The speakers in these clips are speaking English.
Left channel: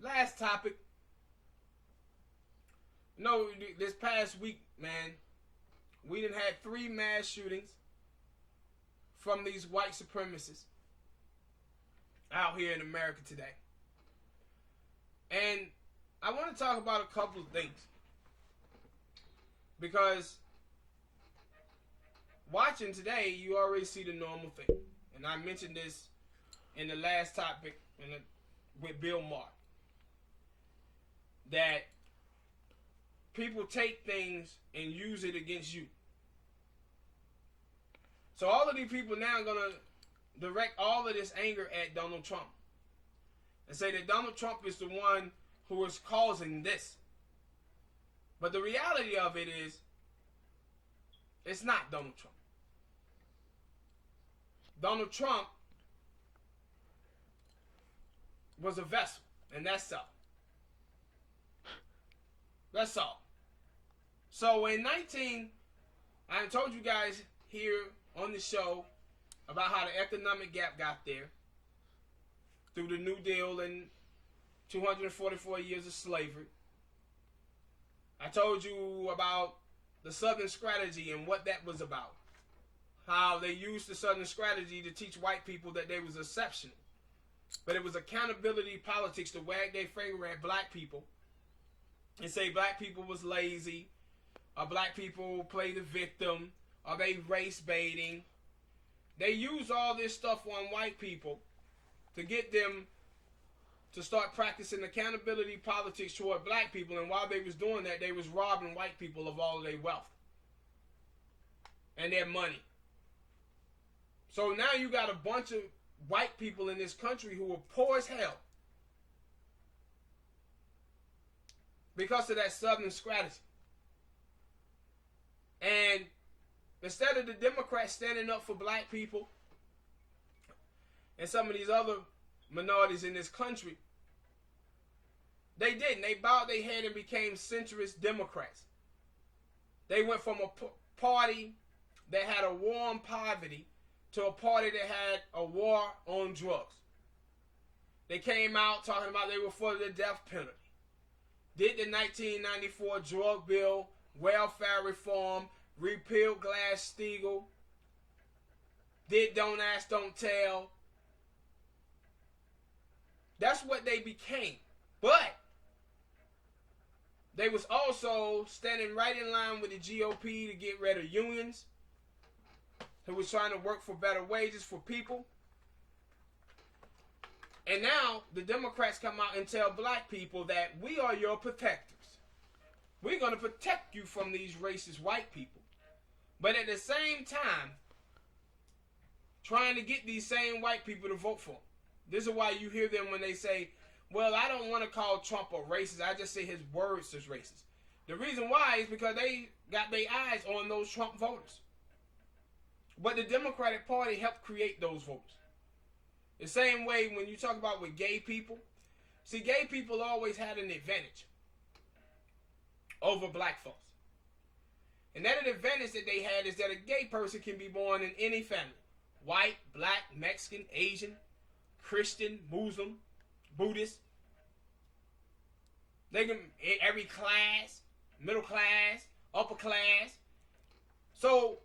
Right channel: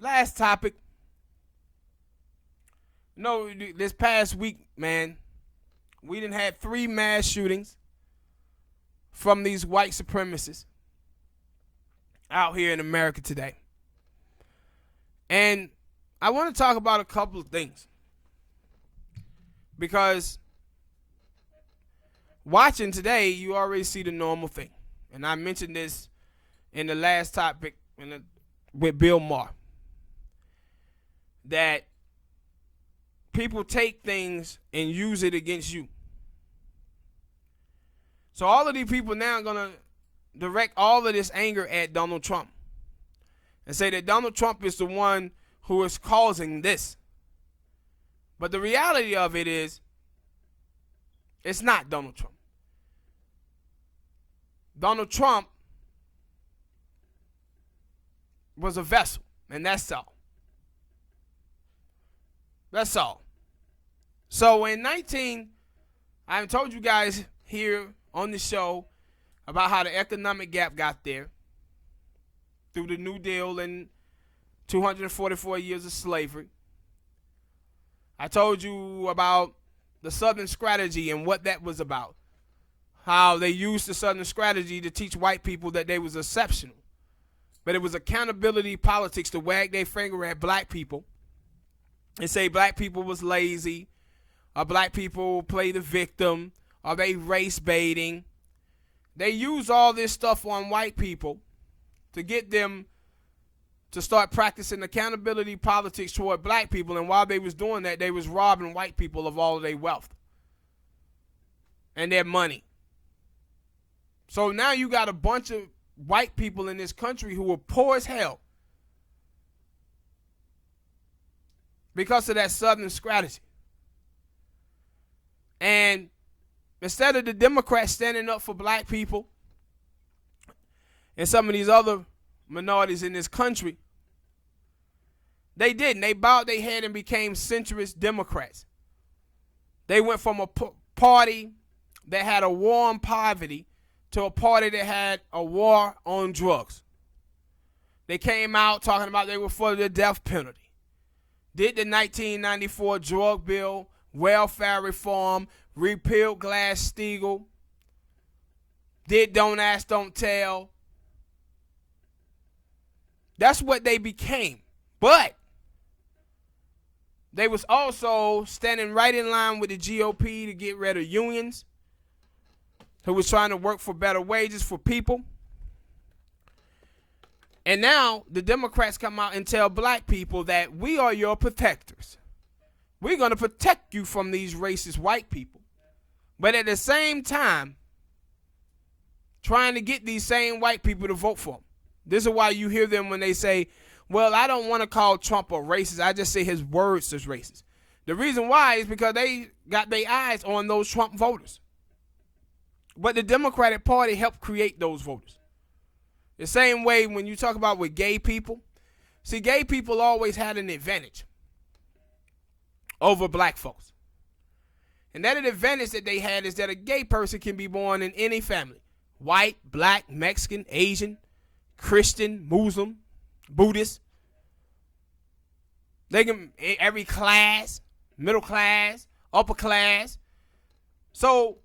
last topic. No, this past week, man, we done had 3 mass shootings from these white supremacists out here in America today. And I want to talk about a couple of things. Because watching today, you already see the normal thing. And I mentioned this in the last topic with Bill Maher. That people take things and use it against you. So all of these people now are going to direct all of this anger at Donald Trump. And say that Donald Trump is the one who is causing this. But the reality of it is, it's not Donald Trump. Donald Trump was a vessel, and that's all. That's all. So I told you guys here on the show about how the economic gap got there through the New Deal and 244 years of slavery. I told you about the Southern strategy and what that was about. How they used the Southern strategy to teach white people that they was exceptional. But it was accountability politics to wag their finger at black people and say black people was lazy, or black people play the victim, or they race baiting. They use all this stuff on white people to get them to start practicing accountability politics toward black people. And while they was doing that, they was robbing white people of all of their wealth and their money. So now you got a bunch of white people in this country who are poor as hell because of that Southern strategy. And instead of the Democrats standing up for black people and some of these other minorities in this country, they didn't. They bowed their head and became centrist Democrats. They went from a party that had a war on poverty to a party that had a war on drugs. They came out talking about they were for the death penalty. Did the 1994 drug bill, welfare reform, repealed Glass-Steagall. Did Don't Ask, Don't Tell. That's what they became. But they was also standing right in line with the GOP to get rid of unions, who was trying to work for better wages for people. And now the Democrats come out and tell black people that we are your protectors. We're going to protect you from these racist white people. But at the same time, trying to get these same white people to vote for them. This is why you hear them when they say, well, I don't want to call Trump a racist. I just say his words is racist. The reason why is because they got their eyes on those Trump voters. But the Democratic Party helped create those voters. The same way when you talk about with gay people. See, gay people always had an advantage over black folks. And that advantage that they had is that a gay person can be born in any family. White, black, Mexican, Asian, Christian, Muslim, Buddhist. They can every class, middle class, upper class. So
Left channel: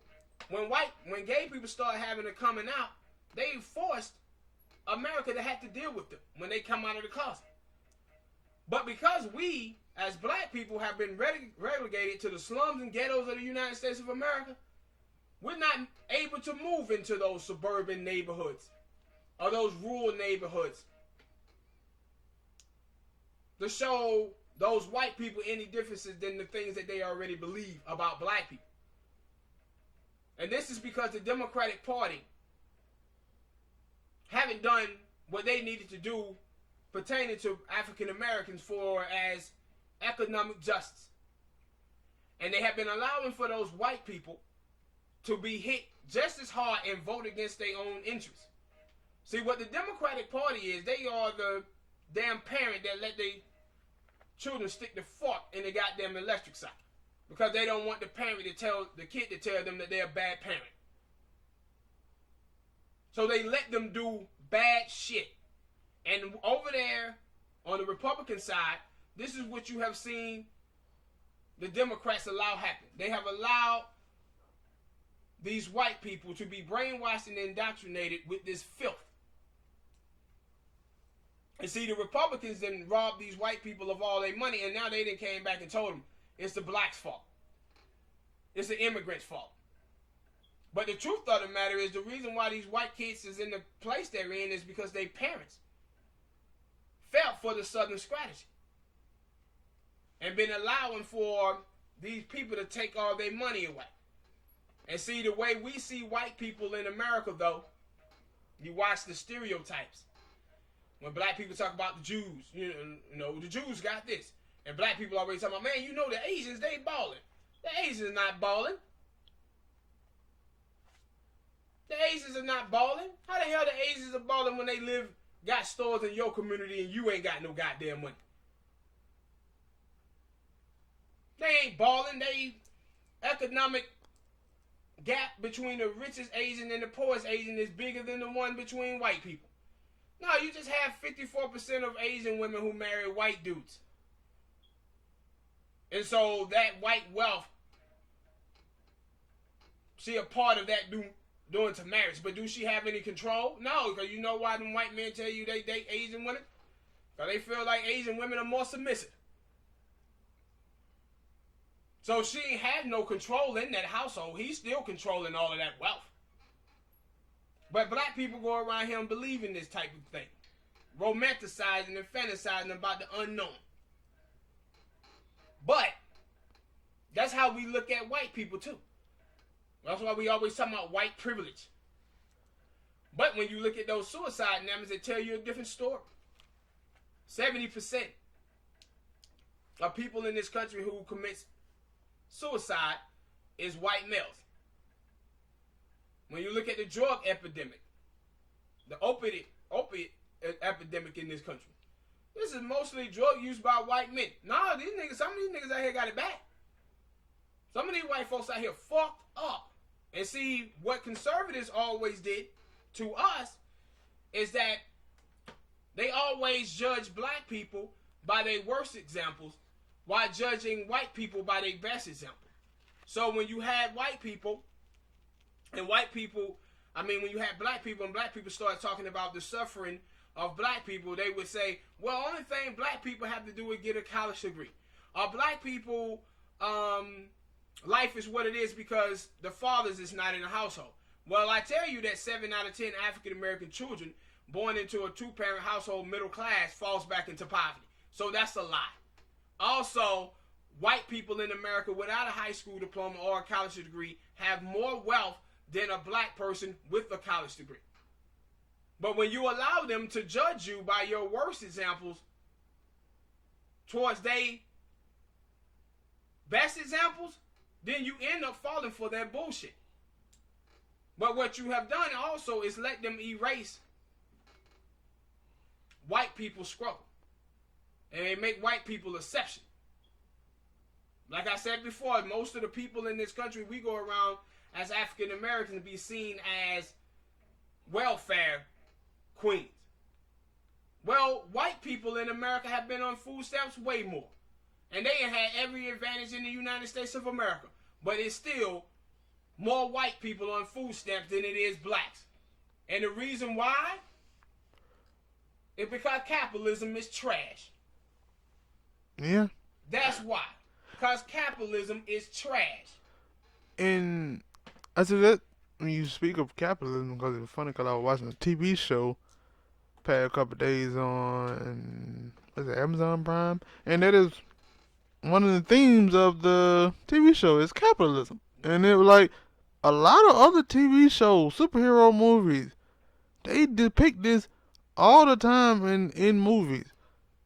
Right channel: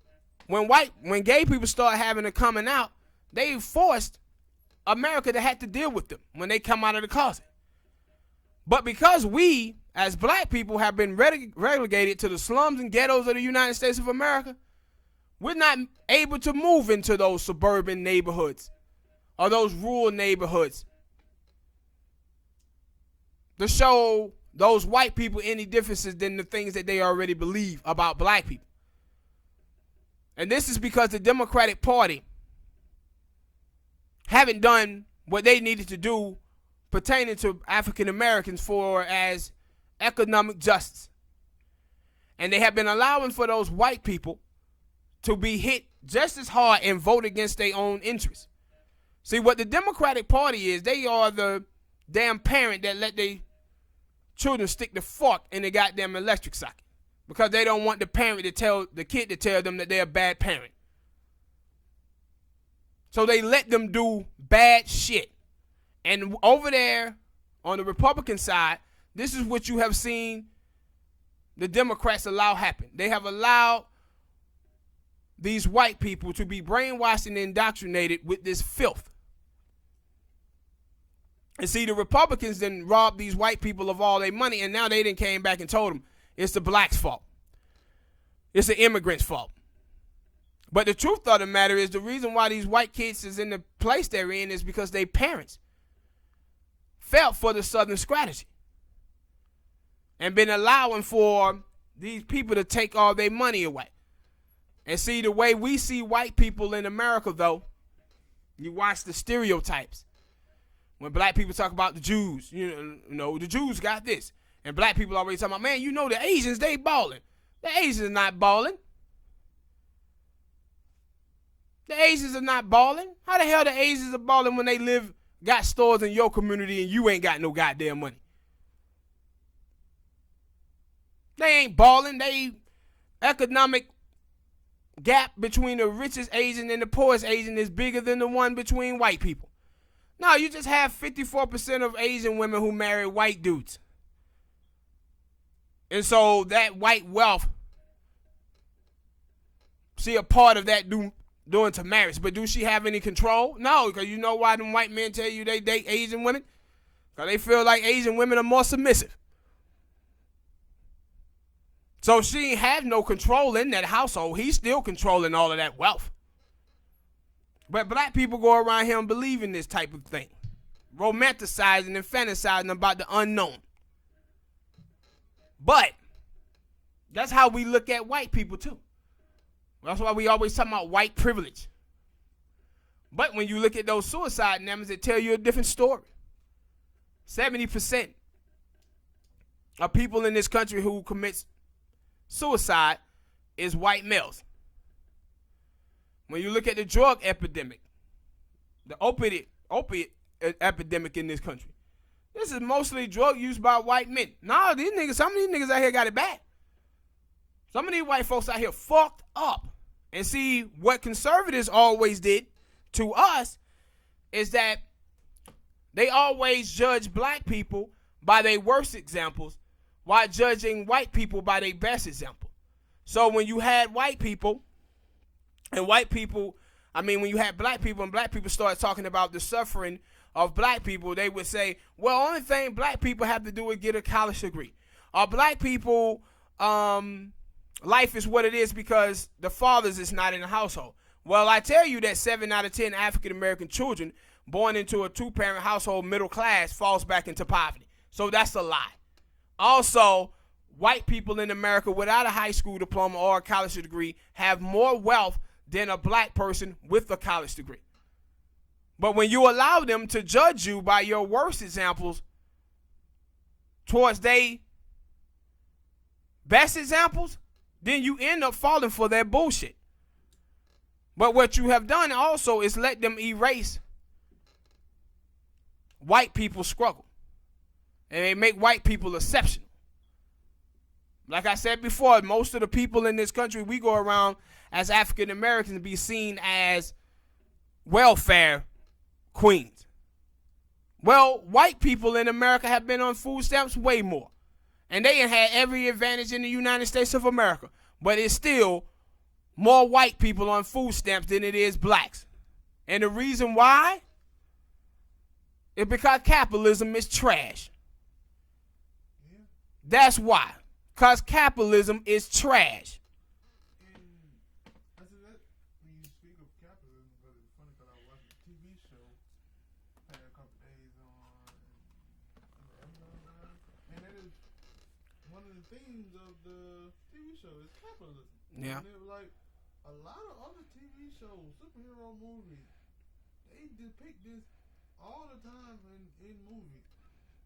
when gay people start having to coming out, they forced America to have to deal with them when they come out of the closet. But because we, as black people, have been relegated to the slums and ghettos of the United States of America, we're not able to move into those suburban neighborhoods or those rural neighborhoods to show those white people any differences than the things that they already believe about black people. And this is because the Democratic Party haven't done what they needed to do pertaining to African Americans for as economic justice. And they have been allowing for those white people to be hit just as hard and vote against their own interests. See, what the Democratic Party is, they are the damn parent that let their children stick the fork in the goddamn electric socket because they don't want the parent to tell the kid to tell them that they're a bad parent. So they let them do bad shit. And over there on the Republican side, this is what you have seen the Democrats allow happen. They have allowed these white people to be brainwashed and indoctrinated with this filth. And see, the Republicans then robbed these white people of all their money, and now they then came back and told them it's the blacks' fault. It's the immigrants' fault. But the truth of the matter is the reason why these white kids is in the place they're in is because their parents fell for the Southern strategy and been allowing for these people to take all their money away. And see, the way we see white people in America, though, you watch the stereotypes. When black people talk about the Jews, you know, the Jews got this. And black people always talking about, man, you know the Asians, they balling. The Asians are not balling. The Asians are not balling. How the hell the Asians are balling when they got stores in your community and you ain't got no goddamn money? They ain't balling. They economic gap between the richest Asian and the poorest Asian is bigger than the one between white people. No, you just have 54% of Asian women who marry white dudes. And so that white wealth, see a part of that doing to marriage. But do she have any control? No, because you know why them white men tell you they date Asian women? Because they feel like Asian women are more submissive. So she ain't have no control in that household. He's still controlling all of that wealth. But black people go around here and believe in this type of thing. Romanticizing and fantasizing about the unknown. But that's how we look at white people too. That's why we always talk about white privilege. But when you look at those suicide numbers, it tell you a different story. 70% of people in this country who commits suicide is white males. When you look at the drug epidemic, the opiate epidemic in this country, this is mostly drug use by white men. Nah, some of these niggas out here got it bad. Some of these white folks out here fucked up. And see, what conservatives always did to us is that they always judge black people by their worst examples while judging white people by their best example. So when you had white people, and when you had black people and black people started talking about the suffering of black people, they would say, well, only thing black people have to do is get a college degree. Or black people, life is what it is because the fathers is not in the household. Well, I tell you that 7 out of 10 African-American children born into a two-parent household, middle class, falls back into poverty. So that's a lie. Also, white people in America without a high school diploma or a college degree have more wealth than a black person with a college degree. But when you allow them to judge you by your worst examples towards their best examples, then you end up falling for their bullshit. But what you have done also is let them erase white people's struggle. And they make white people exceptional. Like I said before, most of the people in this country, we go around as African Americans be seen as welfare queens. Well, white people in America have been on food stamps way more. And they had every advantage in the United States of America. But it's still more white people on food stamps than it is blacks. And the reason why is because capitalism is trash. Yeah. That's why. Because capitalism is trash. And I said that when you speak of capitalism, because it's funny because I was watching a TV show past a couple of days on, was it Amazon Prime? And that is one of the themes of the TV show is capitalism. Yeah. And it was like a lot of other TV shows, superhero movies, they depict this all the time in movies.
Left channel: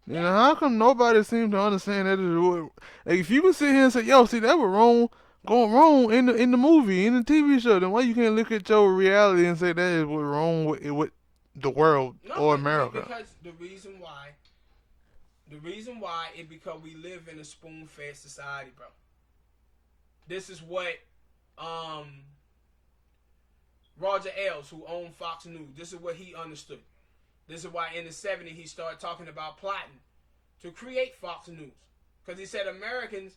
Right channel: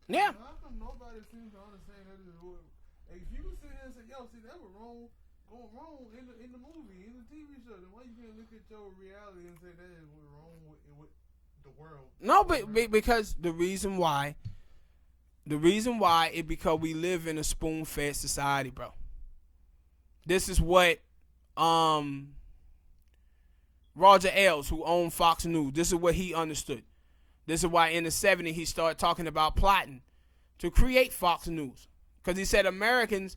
Yeah. Now, how come nobody seems to understand that? Like, if you can sit here and say, yo, see, that was going wrong in the movie, in the TV show, then why you can't look at your reality and say that is what's wrong with the world or America? Because the reason why is because we live in a spoon-fed society, bro. This is what Roger Ailes, who owned Fox News, this is what he understood. This is why in the 70s he started talking about plotting to create Fox News. Because he said Americans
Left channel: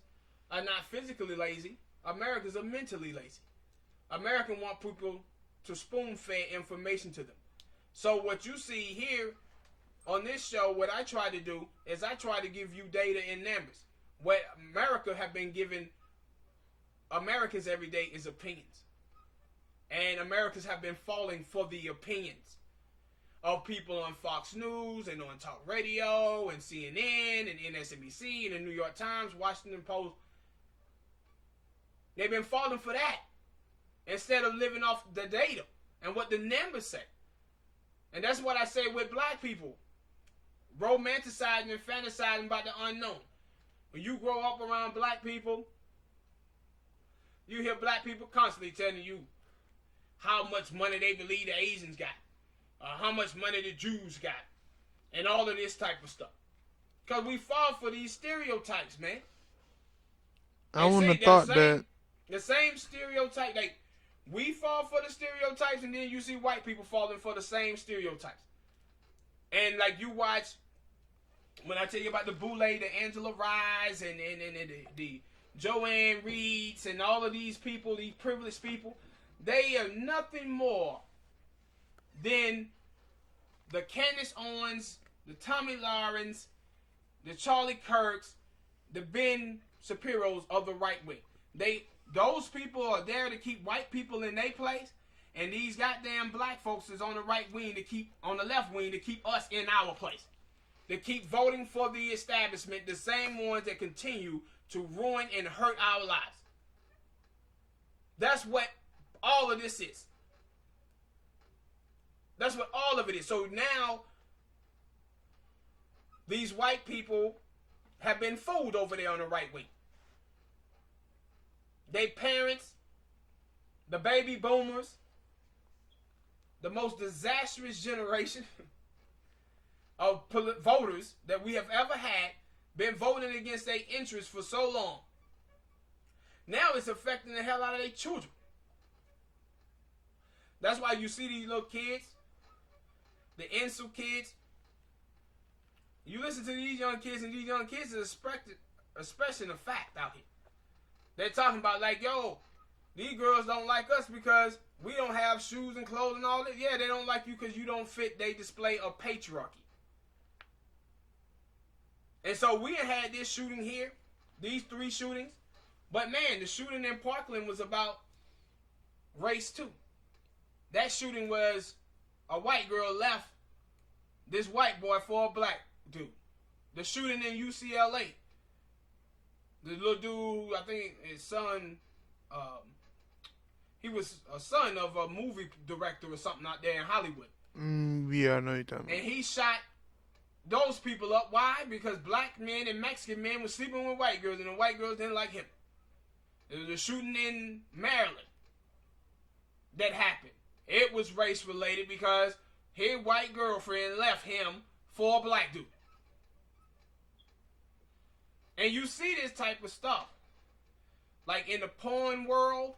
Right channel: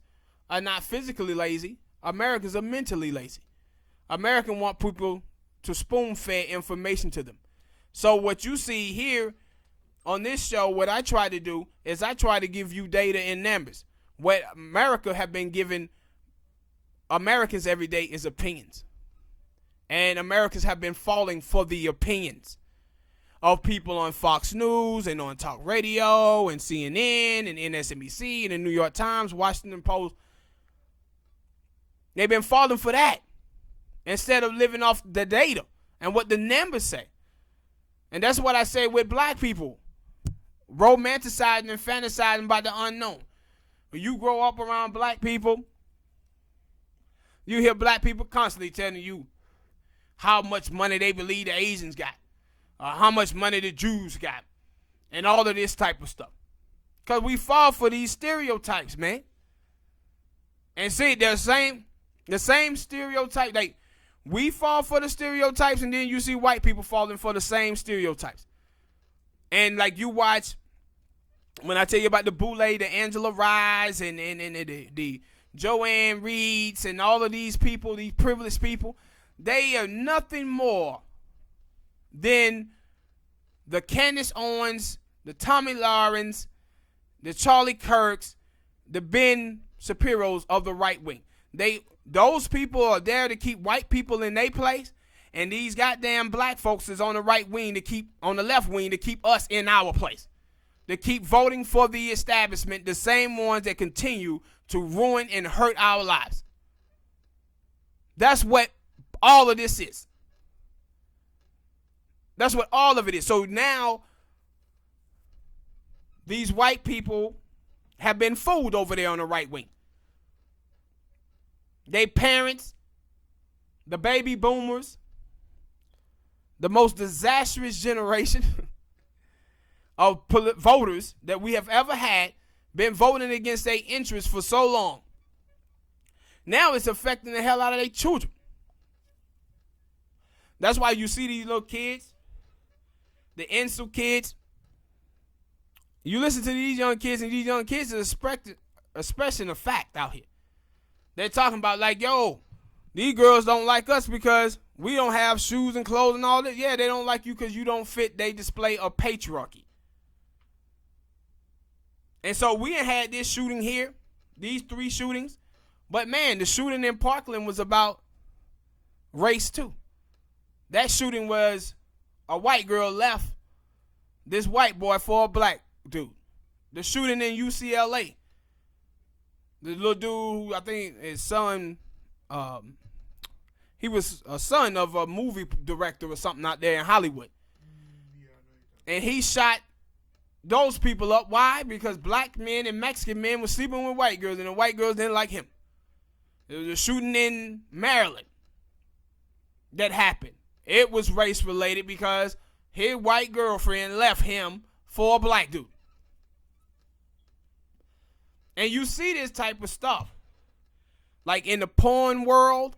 are not physically lazy. Americans are mentally lazy. Americans want people to spoon-feed information to them. So what you see here on this show, what I try to do is I try to give you data and numbers. What America have been giving Americans every day is opinions. And Americans have been falling for the opinions of people on Fox News and on talk radio and CNN and MSNBC and the New York Times, Washington Post. They've been falling for that instead of living off the data and what the numbers say. And that's what I say with black people. Romanticizing and fantasizing about the unknown. When you grow up around black people, you hear black people constantly telling you how much money they believe the Asians got, or how much money the Jews got, and all of this type of stuff. Because we fall for these stereotypes, man. And see, the same stereotype. Like, we fall for the stereotypes, and then you see white people falling for the same stereotypes. And like you watch, when I tell you about the Boule, the Angela Rye's, and the Joanne Reeds, and all of these people, these privileged people, they are nothing more than the Candace Owens, the Tommy Lawrence, the Charlie Kirks, the Ben Shapiro's of the right wing. Those people are there to keep white people in their place, and these goddamn black folks is on the right wing on the left wing to keep us in our place. To keep voting for the establishment, the same ones that continue to ruin and hurt our lives. That's what all of this is. That's what all of it is. So now, these white people have been fooled over there on the right wing. They parents, the baby boomers, the most disastrous generation of voters that we have ever had, been voting against their interests for so long. Now it's affecting the hell out of their children. That's why you see these little kids, the insult kids. You listen to these young kids, and these young kids are expressing a fact out here. They're talking about like, yo, these girls don't like us because we don't have shoes and clothes and all that. Yeah, they don't like you because you don't fit their display of patriarchy. And so we had this shooting here, these 3 shootings. But man, the shooting in Parkland was about race too. That shooting was a white girl left this white boy for a black dude. The shooting in UCLA. The little dude, I think his son, he was a son of a movie director or something out there in Hollywood. Yeah, I know you're talking. And he shot those people up. Why? Because black men and Mexican men were sleeping with white girls, and the white girls didn't like him. There was a shooting in Maryland that happened. It was race related because his white girlfriend left him for a black dude. And you see this type of stuff. Like in the porn world,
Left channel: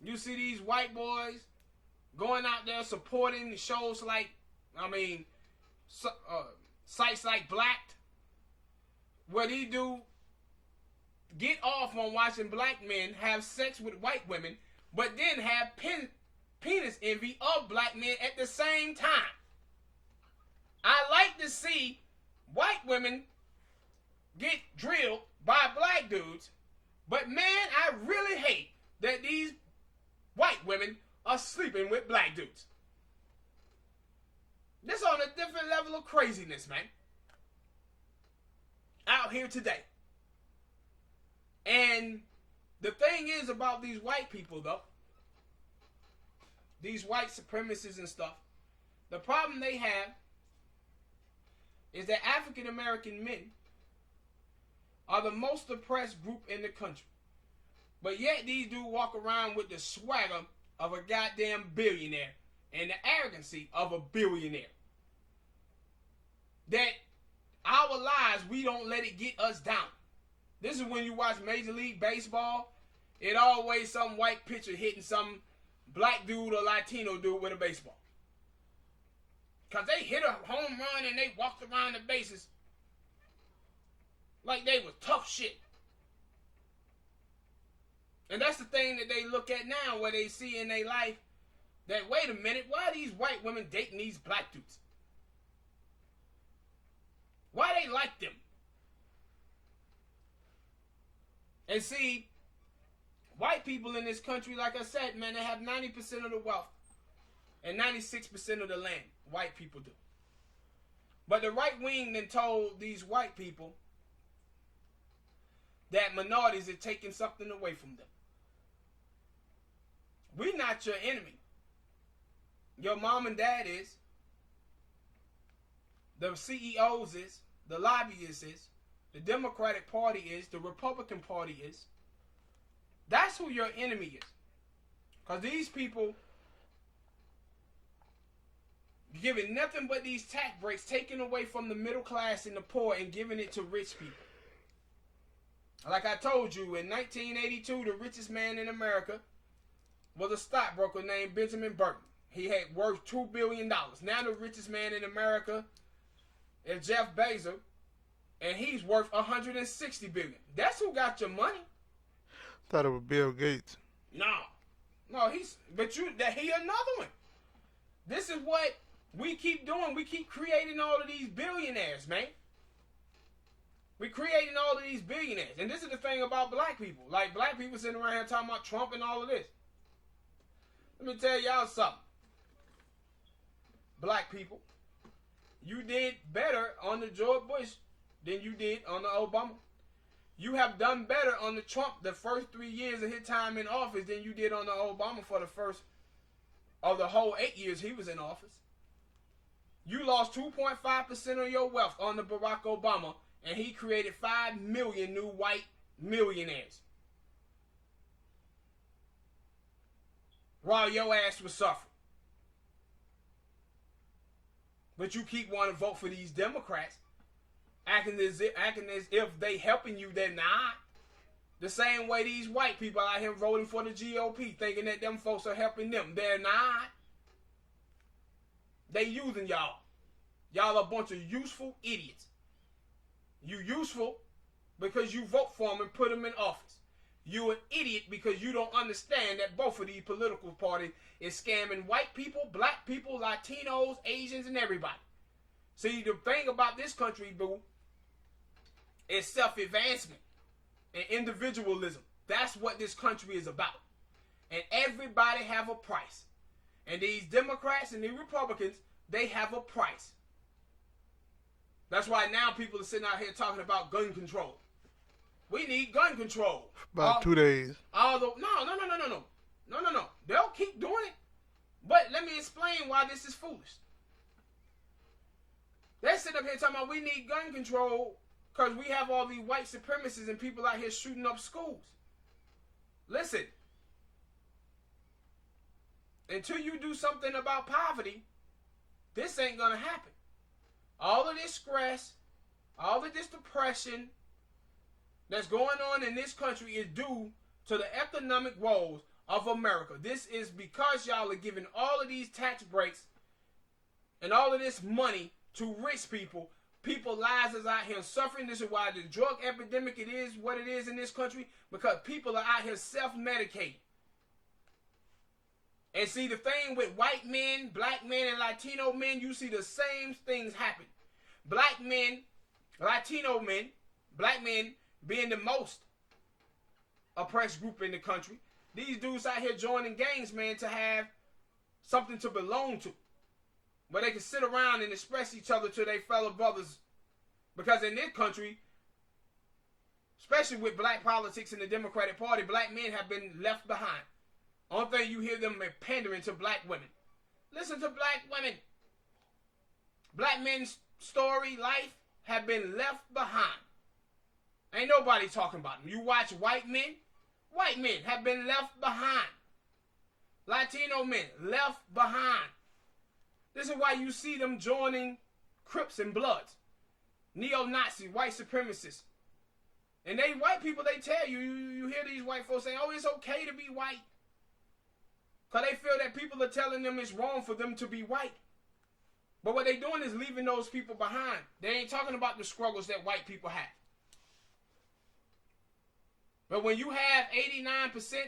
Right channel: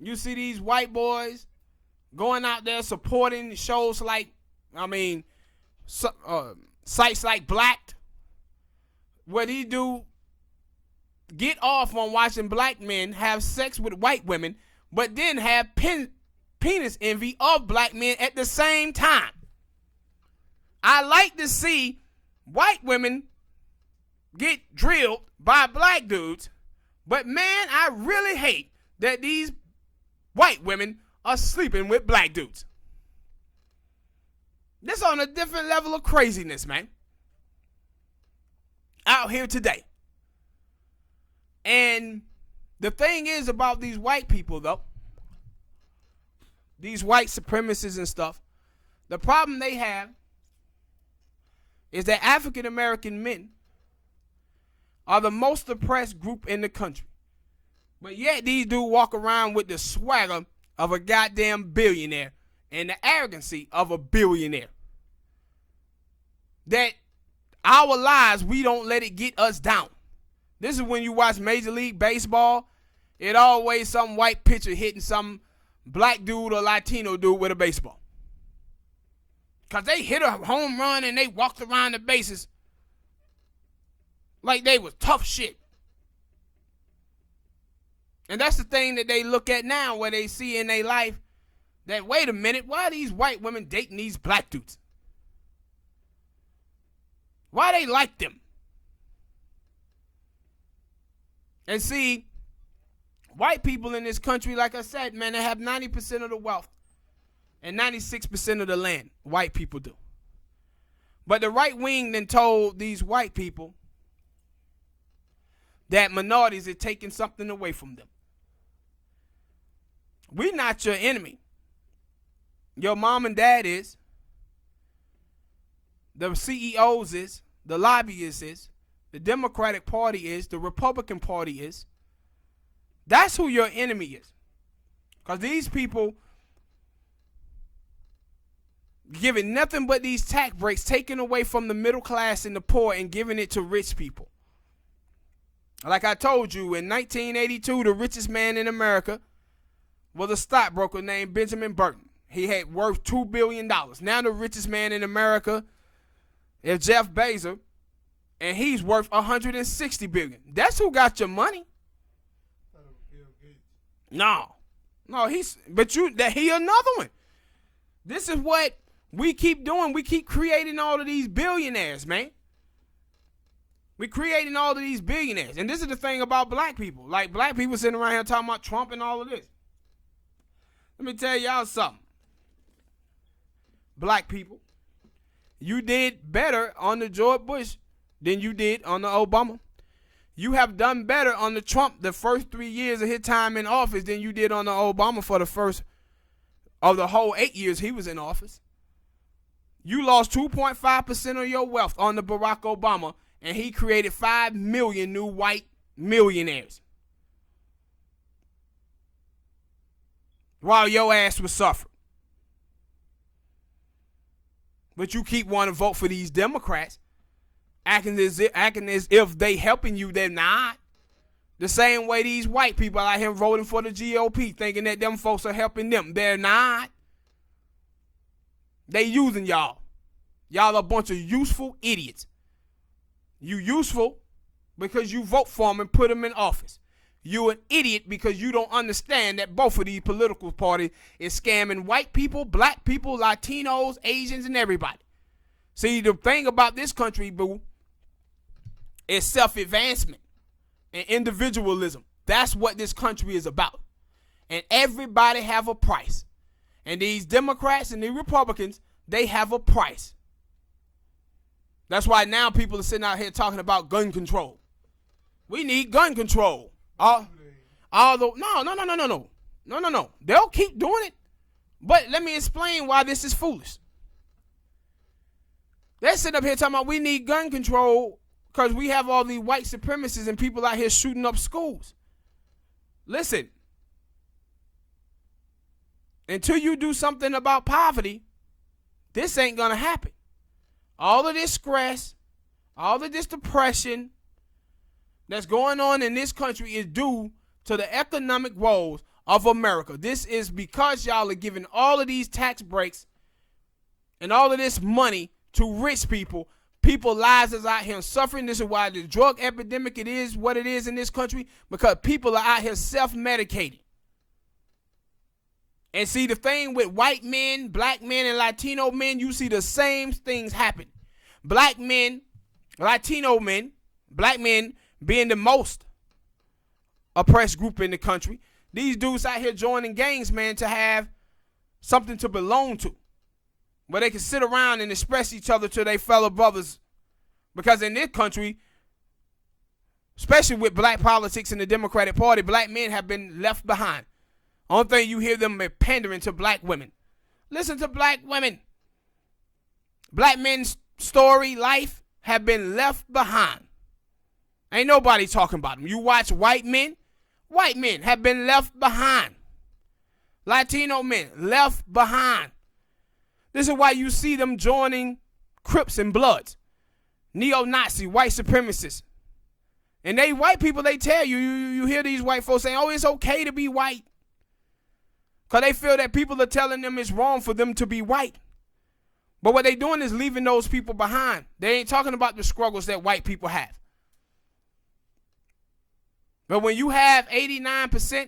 you see these white boys going out there supporting shows like, sites like Blacked, where he do get off on watching black men have sex with white women, but then have penis envy of black men at the same time. I like to see white women get drilled by black dudes, but man, I really hate that these white women are sleeping with black dudes. This on a different level of craziness, man. Out here today. And the thing is about these white people, though, these white supremacists and stuff, the problem they have is that African American men are the most oppressed group in the country. But yet these dudes walk around with the swagger of a goddamn billionaire and the arrogancy of a billionaire. That our lives, we don't let it get us down. This is when you watch Major League Baseball, it always some white pitcher hitting some black dude or Latino dude with a baseball. Because they hit a home run and they walked around the bases Like they was tough shit. And that's the thing that they look at now, where they see in their life that, wait a minute, why are these white women dating these black dudes? Why they like them? And see, white people in this country, like I said, man, they have 90% of the wealth and 96% of the land. White people do. But the right wing then told these white people that minorities are taking something away from them. We're not your enemy. Your mom and dad is. The CEOs is. The lobbyists is. The Democratic Party is. The Republican Party is. That's who your enemy is. Because these people giving nothing but these tax breaks, taking away from the middle class and the poor and giving it to rich people. Like I told you, in 1982, the richest man in America was a stockbroker named Benjamin Burton. He had worth $2 billion. Now the richest man in America is Jeff Bezos, and he's worth $160 billion. That's who got your money. Thought it was Bill Gates. No, he another one. This is what we keep doing. We keep creating all of these billionaires, man. We're creating all of these billionaires. And this is the thing about black people. Like, black people sitting around here talking about Trump and all of this. Let me tell y'all something. Black people, you did better on the George Bush than you did on the Obama. You have done better on the Trump the first 3 years of his time in office than you did on the Obama for the first of the whole 8 years he was in office. You lost 2.5% of your wealth on the Barack Obama, and he created 5 million new white millionaires. While your ass was suffering. But you keep wanting to vote for these Democrats, acting as if they helping you. They're not. The same way these white people out here voting for the GOP, thinking that them folks are helping them. They're not. They using y'all. Y'all a bunch of useful idiots. You useful because you vote for them and put them in office. You an idiot because you don't understand that both of these political parties is scamming white people, black people, Latinos, Asians, and everybody. See, the thing about this country, boo, is self-advancement and individualism. That's what this country is about. And everybody have a price. And these Democrats and the Republicans, they have a price. That's why now people are sitting out here talking about gun control. We need gun control. About 2 days. Although, no. They'll keep doing it. But let me explain why this is foolish. They're sitting up here talking about we need gun control because we have all these white supremacists and people out here shooting up schools. Listen. Until you do something about poverty, this ain't going to happen. All of this stress, all of this depression that's going on in this country is due to the economic woes of America. This is because y'all are giving all of these tax breaks and all of this money to rich people. People's lives is out here suffering. This is why the drug epidemic it is what it is in this country, because people are out here self-medicating. And see, the thing with white men, black men, and Latino men, you see the same things happen. Black men, Latino men, black men being the most oppressed group in the country. These dudes out here joining gangs, man, to have something to belong to. Where they can sit around and express each other to their fellow brothers. Because in this country, especially with black politics in the Democratic Party, black men have been left behind. Only thing you hear them pandering to black women. Listen to black women. Black men's story, life, have been left behind. Ain't nobody talking about them. You watch white men have been left behind. Latino men, left behind. This is why you see them joining Crips and Bloods. Neo-Nazi, white supremacists. And they white people, they tell you, you hear these white folks saying, oh, it's okay to be white. Because they feel that people are telling them it's wrong for them to be white. But what they doing is leaving those people behind. They ain't talking about the struggles that white people have. But when you have 89%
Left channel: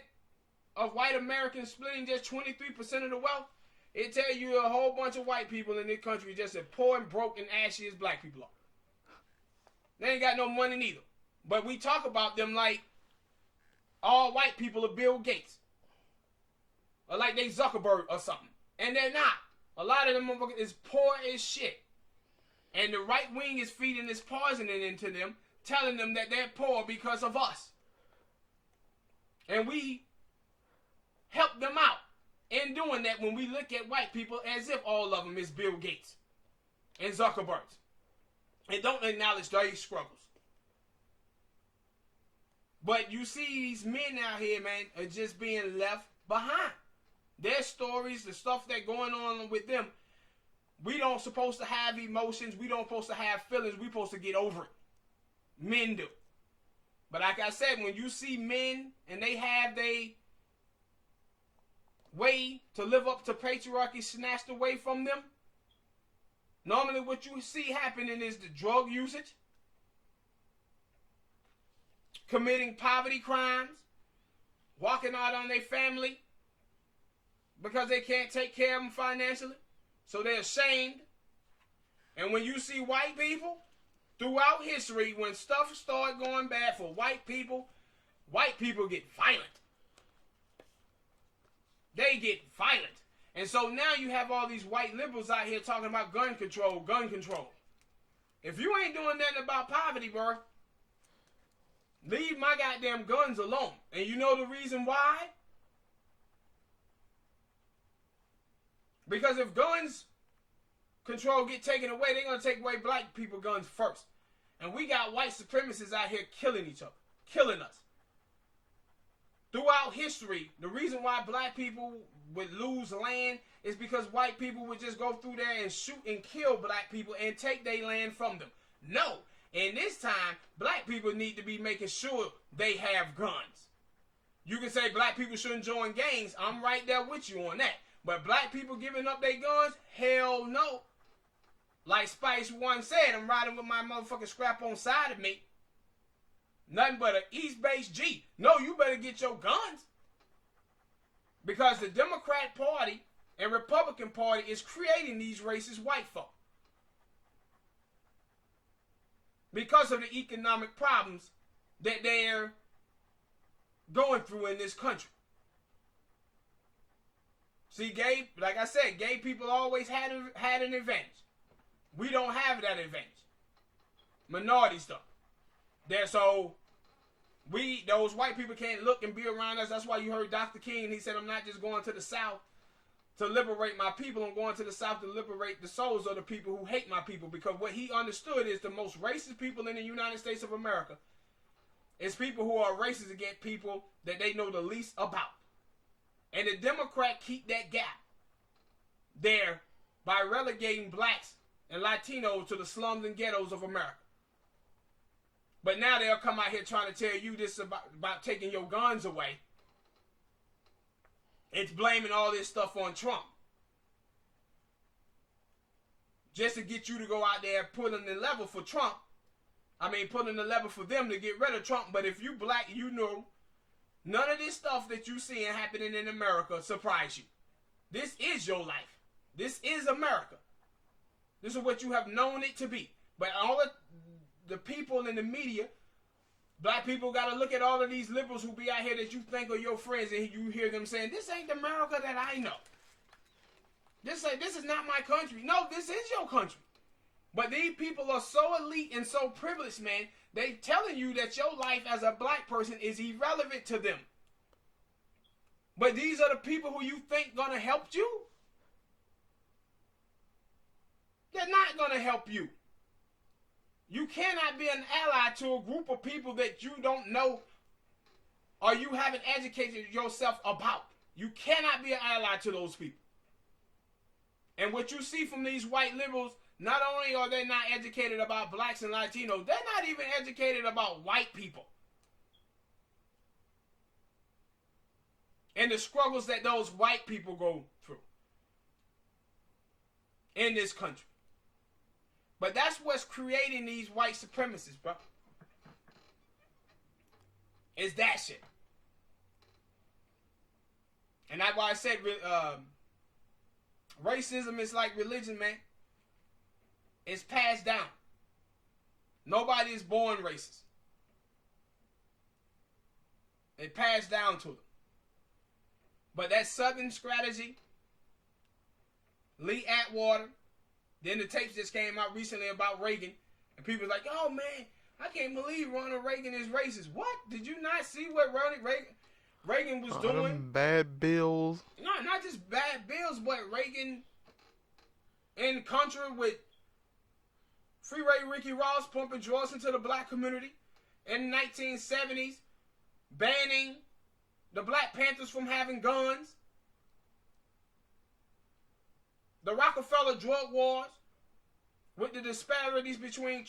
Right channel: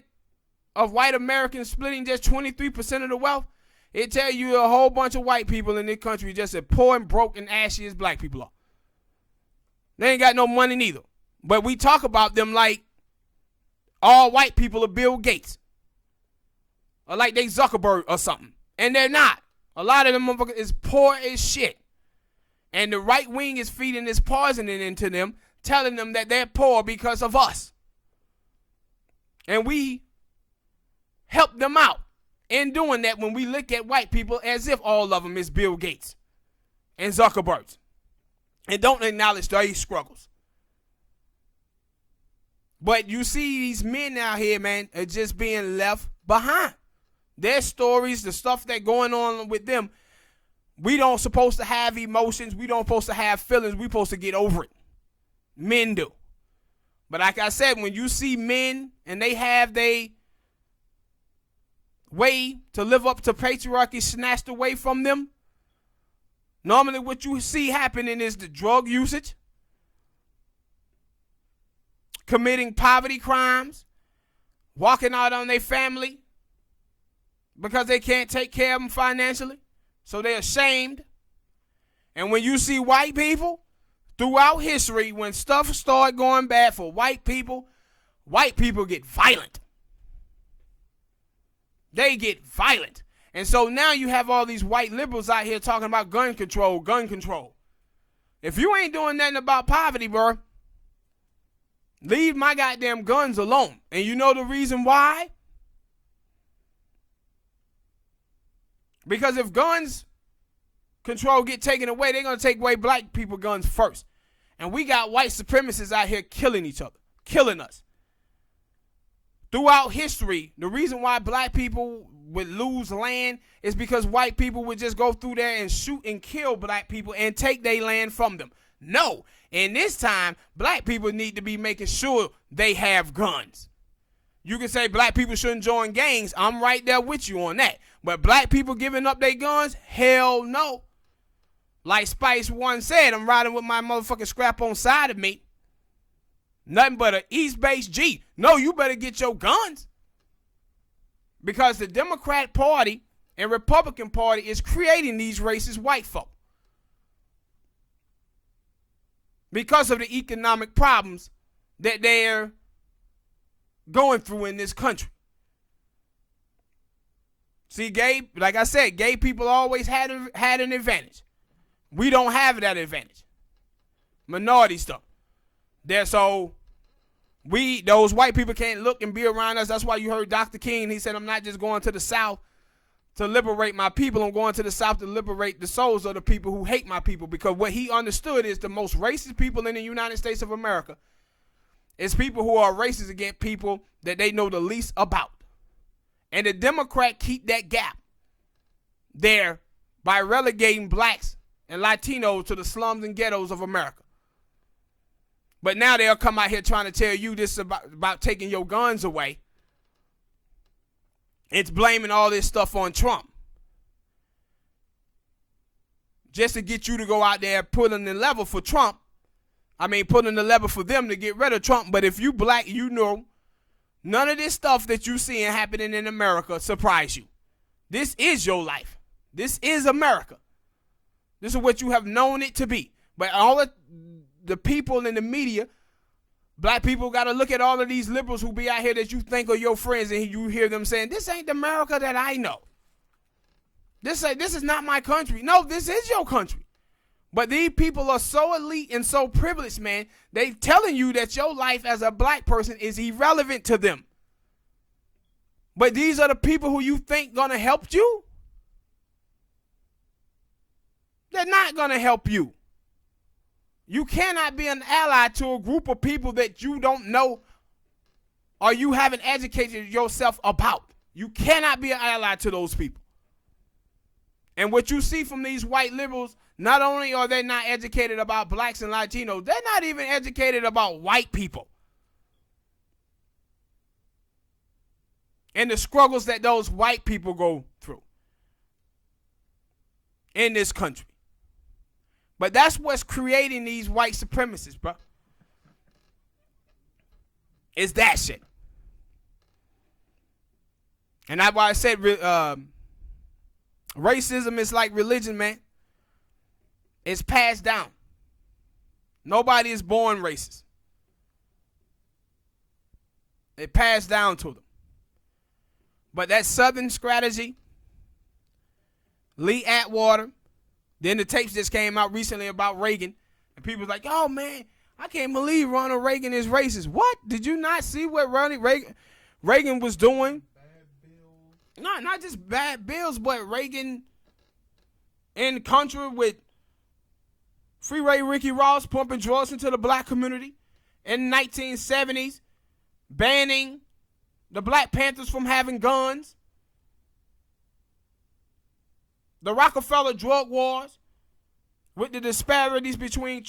of white Americans splitting just 23% of the wealth, it tell you a whole bunch of white people in this country just as poor and broke and ashy as black people are. They ain't got no money neither. But we talk about them like all white people are Bill Gates. Or like they Zuckerberg or something. And they're not. A lot of them motherfuckers is poor as shit. And the right wing is feeding this poison into them, telling them that they're poor because of us. And we help them out in doing that when we look at white people as if all of them is Bill Gates and Zuckerberg. And don't acknowledge their struggles. But you see these men out here, man, are just being left behind. Their stories, the stuff that's going on with them, we don't supposed to have emotions. We don't supposed to have feelings. We supposed to get over it. Men do. But like I said, when you see men and they have their way to live up to patriarchy snatched away from them, normally what you see happening is the drug usage, committing poverty crimes, walking out on their family because they can't take care of them financially, so they're ashamed. And when you see white people, throughout history, when stuff started going bad for white people get violent. They get violent. And so now you have all these white liberals out here talking about gun control, gun control. If you ain't doing nothing about poverty, bro, leave my goddamn guns alone. And you know the reason why? Because if guns control get taken away, they're going to take away black people guns first. And we got white supremacists out here killing each other, killing us. Throughout history, the reason why black people would lose land is because white people would just go through there and shoot and kill black people and take their land from them. No. In this time, black people need to be making sure they have guns. You can say black people shouldn't join gangs. I'm right there with you on that. But black people giving up their guns? Hell no. Like Spice One said, I'm riding with my motherfucking scrap on side of me. Nothing but an East Base G. No, you better get your guns. Because the Democrat Party and Republican Party is creating these racist white folk. Because of the economic problems that they're going through in this country. See, gay, like I said, gay people always had an advantage. We don't have that advantage. Minority stuff. Those white people can't look and be around us. That's why you heard Dr. King, he said, I'm not just going to the South to liberate my people. I'm going to the South to liberate the souls of the people who hate my people. Because what he understood is the most racist people in the United States of America is people who are racist against people that they know the least about. And the Democrats keep that gap there by relegating blacks and Latinos to the slums and ghettos of America. But now they'll come out here trying to tell you this about taking your guns away. It's blaming all this stuff on Trump. Just to get you to go out there pulling the lever for Trump. Pulling the lever for them to get rid of Trump. But if you black, you know, none of this stuff that you seeing happening in America surprise you. This is your life. This is America. This is what you have known it to be. But all of the people in the media, black people got to look at all of these liberals who be out here that you think are your friends, and you hear them saying, this ain't the America that I know. This is not my country. No, this is your country. But these people are so elite and so privileged, man. They telling you that your life as a black person is irrelevant to them. But these are the people who you think gonna help you. They're not gonna help you. You cannot be an ally to a group of people that you don't know or you haven't educated yourself about. You cannot be an ally to those people. And what you see from these white liberals, not only are they not educated about blacks and Latinos, they're not even educated about white people. And the struggles that those white people go through in this country. But that's what's creating these white supremacists, bro. It's that shit. And that's why I said racism is like religion, man. It's passed down. Nobody is born racist. It passed down to them. But that Southern strategy, Lee Atwater, then the tapes just came out recently about Reagan, and people was like, oh man, I can't believe Ronald Reagan is racist. What? Did you not see what Ronald Reagan was doing? Bad bills. No, not just bad bills, but Reagan in country with Freeway Ricky Ross pumping drugs into the black community in the 1970s, banning the Black Panthers from having guns, the Rockefeller drug wars with the disparities between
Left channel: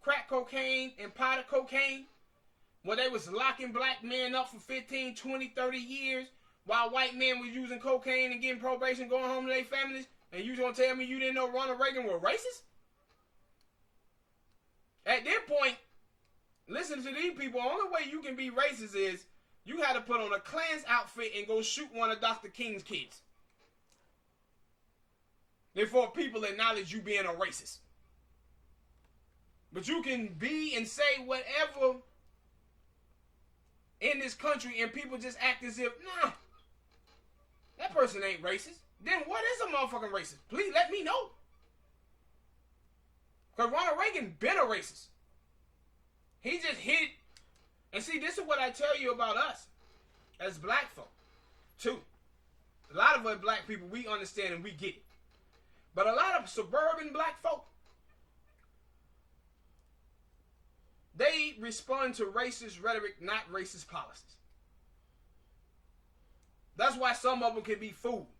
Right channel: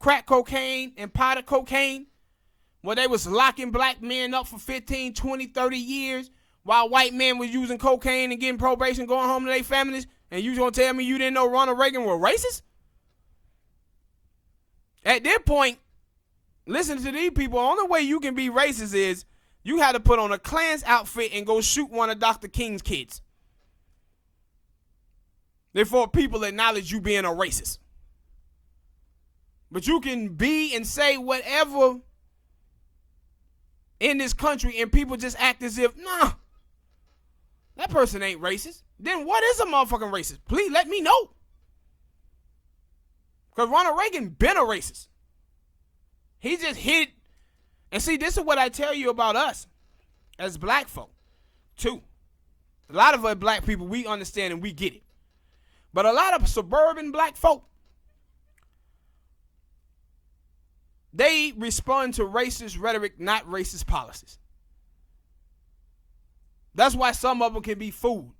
crack cocaine and powder cocaine, where they was locking black men up for 15, 20, 30 years while white men was using cocaine and getting probation, going home to their families, and you gonna tell me you didn't know Ronald Reagan was racist? At that point, listen to these people. The only way you can be racist is you had to put on a Klan's outfit and go shoot one of Dr. King's kids. Therefore, people acknowledge you being a racist. But you can be and say whatever in this country and people just act as if, nah, that person ain't racist. Then what is a motherfucking racist? Please let me know. Because Ronald Reagan been a racist. He just hit. And see, this is what I tell you about us as black folk, too. A lot of us black people, we understand and we get it. But a lot of suburban black folk, they respond to racist rhetoric, not racist policies. That's why some of them can be fooled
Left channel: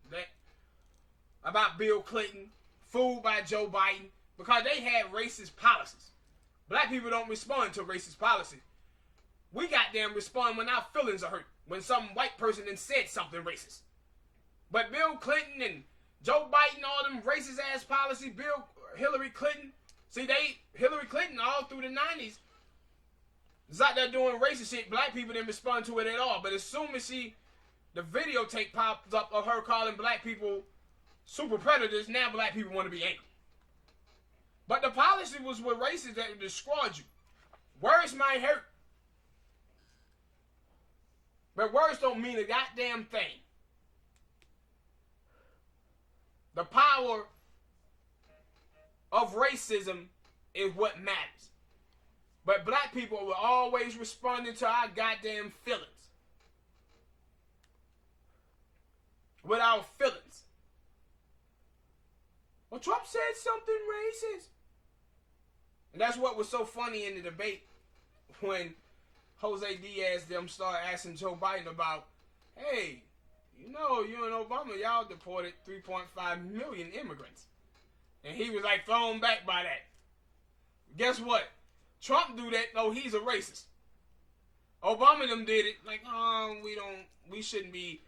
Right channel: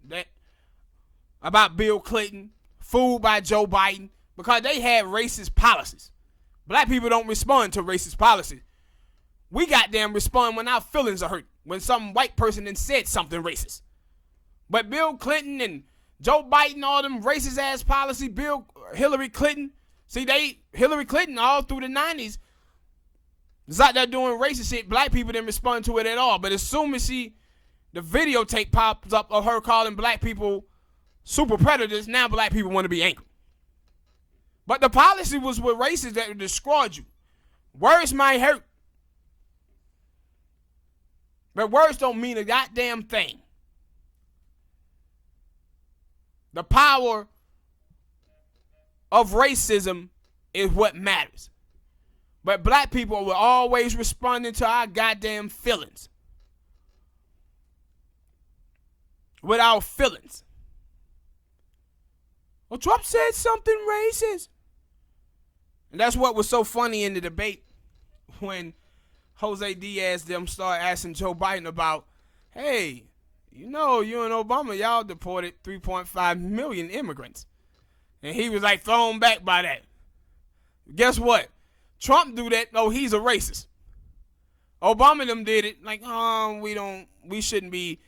about Bill Clinton, fooled by Joe Biden, because they had racist policies. Black people don't respond to racist policies. We goddamn respond when our feelings are hurt, when some white person then said something racist. But Bill Clinton and Joe Biden, all them racist ass policies, Hillary Clinton, Hillary Clinton all through the 90s was out there doing racist shit. Black people didn't respond to it at all. But as soon as the videotape pops up of her calling black people super predators, now black people want to be angry. But the policy was with racists that destroyed you. Words might hurt, but words don't mean a goddamn thing. The power of racism is what matters. But black people were always responding to our goddamn feelings. With our feelings. Well, Trump said something racist. And that's what was so funny in the debate when Jose Diaz them started asking Joe Biden about, hey, you know, you and Obama, y'all deported 3.5 million immigrants. And he was like thrown back by that. Guess what? Trump do that, oh, he's a racist. Obama them did it like, we shouldn't be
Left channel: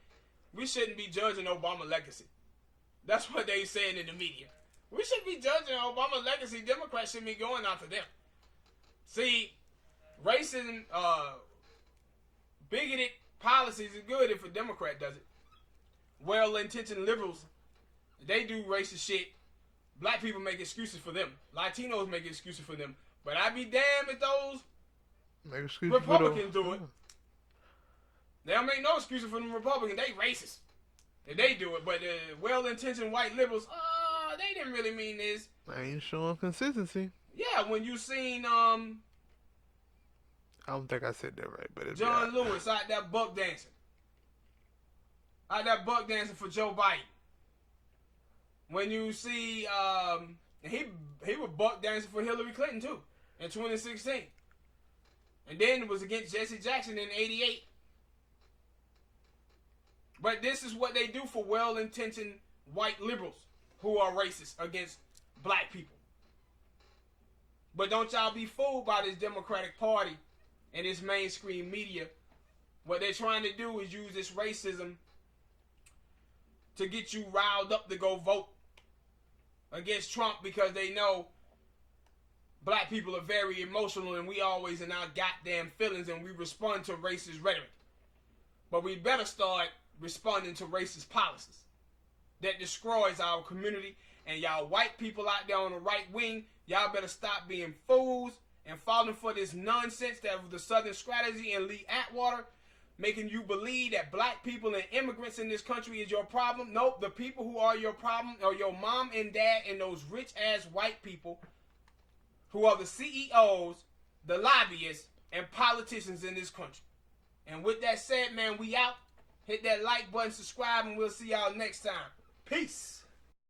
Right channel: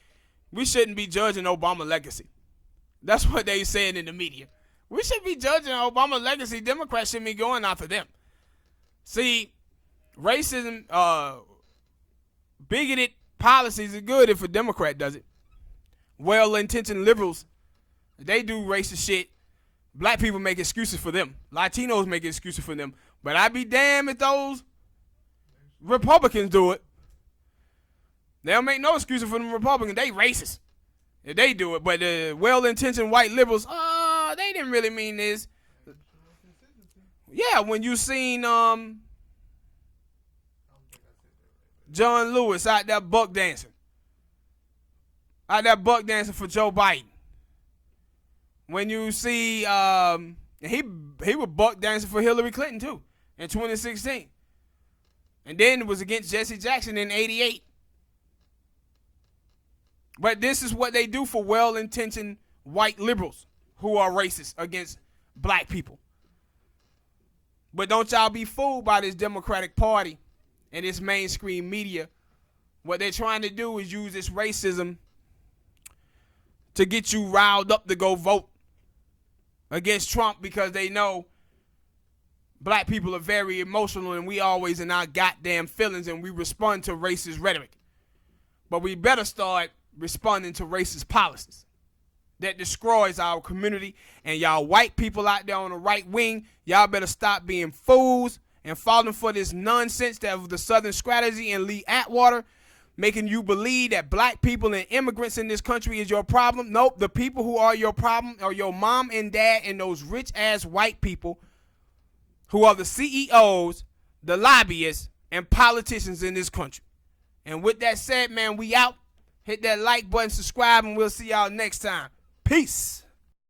judging Obama legacy. That's what they saying in the media. We should be judging Obama legacy. Democrats should be going after them. See, racism, bigoted policies are good if a Democrat does it. Well-intentioned liberals, they do racist shit. Black people make excuses for them. Latinos make excuses for them. But I'd be damned if those Republicans do it. They don't make no excuses for them Republicans. They racist if they do it. But the well-intentioned white liberals, they didn't really mean this. I ain't showing consistency. Yeah, when you seen I don't think I said that right, but it's John right. Lewis out there buck dancing. Out there buck dancing for Joe Biden. When you see he was buck dancing for Hillary Clinton too in 2016. And then it was against Jesse Jackson in 88. But this is what they do for well-intentioned white liberals who are racist against black people. But don't y'all be fooled by this Democratic Party and this mainstream media. What they're trying to do is use this racism to get you riled up to go vote against Trump because they know black people are very emotional and we always in our goddamn feelings and we respond to racist rhetoric. But we better start responding to racist policies that destroys our community. And y'all white people out there on the right wing, y'all better stop being fools and falling for this nonsense that of the Southern strategy and Lee Atwater, making you believe that black people and immigrants in this country is your problem. Nope, the people who are your problem are your mom and dad and those rich-ass white people who are the CEOs, the lobbyists, and politicians in this country. And with that said, man, we out. Hit that like button, subscribe, and we'll see y'all next time. Peace.